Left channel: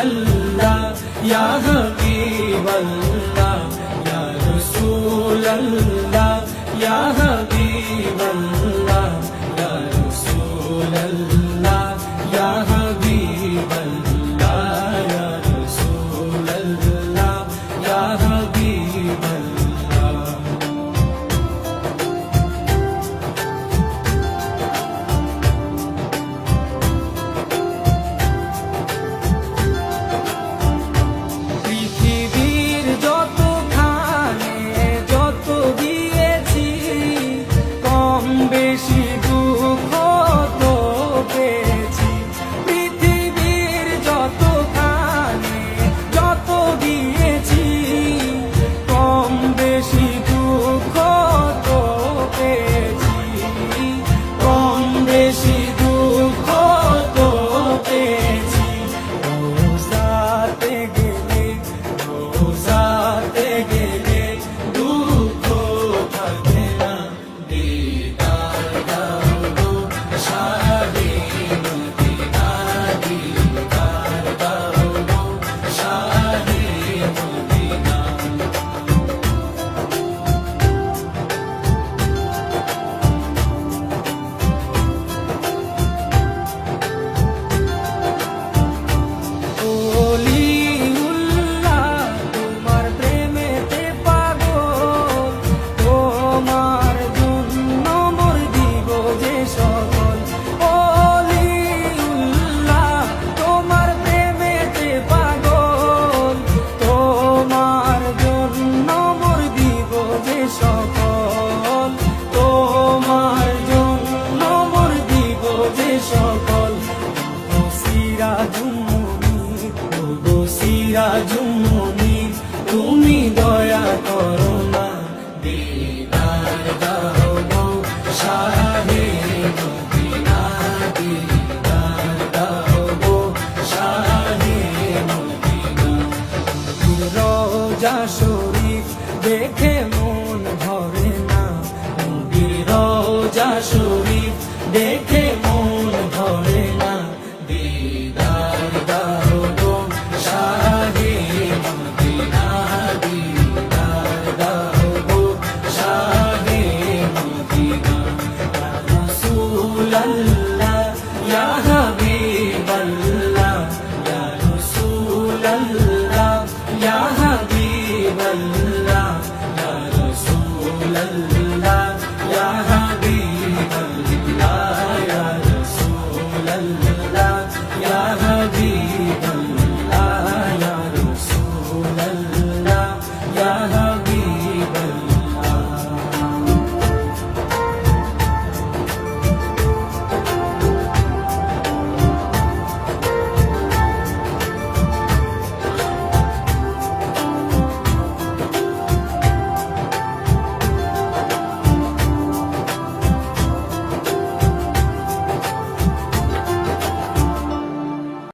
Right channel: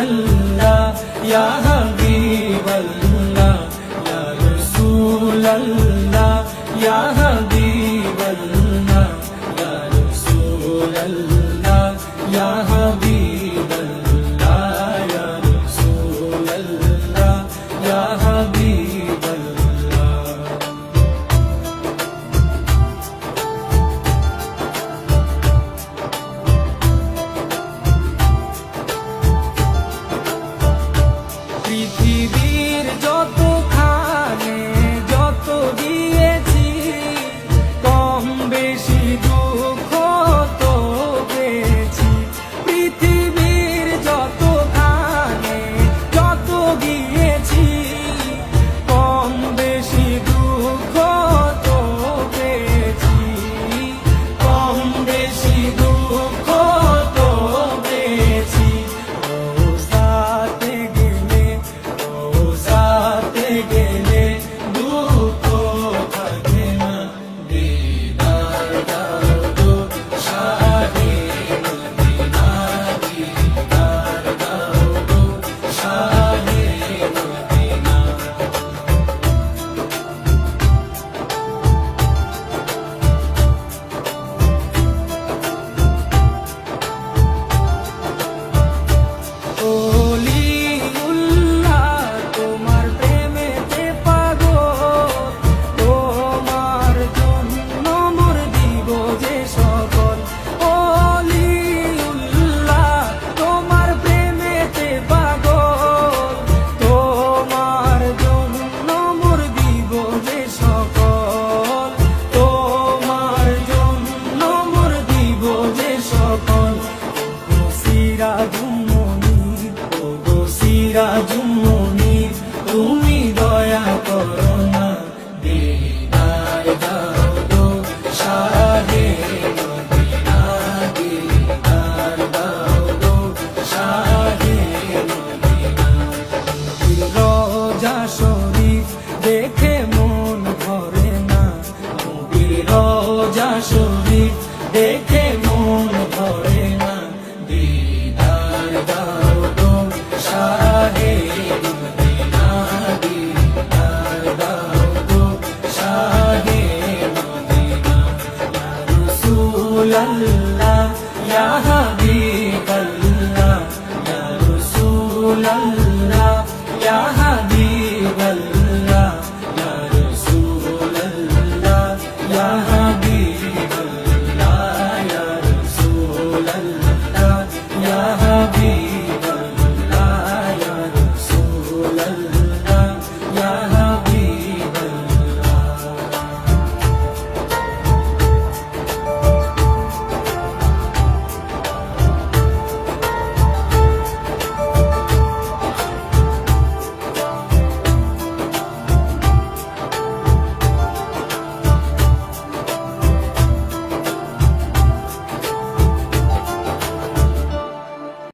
আল্লাহ ইয়া হাবিব আল্লাহ ইয়া রাসূল আল্লাহ ইয়া হাবিব আল্লাহ ইয়া রাসূল আল্লাহ ইয়া হাবিব আল্লাহ ইয়া রাসূল আল্লাহ ইয়া হাবিব আল্লাহ। পৃথিবীর যতখানে যত গিয়েছি কম বেশি দুঃখ তো পেয়েছি। পৃথিবীর যতখানে যত গিয়েছি কম বেশি দুঃখ তো পেয়েছি। কম বেশি দুঃখ তো পেয়েছি। রোজাতে গেলে দুঃখ থাকে না। দিদার দাও গো শাহে মদিনা, দিদার দাও গো শাহে মদিনা। সিরাজুম মুনির তুমি দয়া করো না। দিদার দাও গো শাহে মদিনা, দিদার দাও গো শাহে মদিনা। রওজা শরীফ দেখে মন ভরে না। নবীর রওজা শরীফ দেখে মন ভরে না।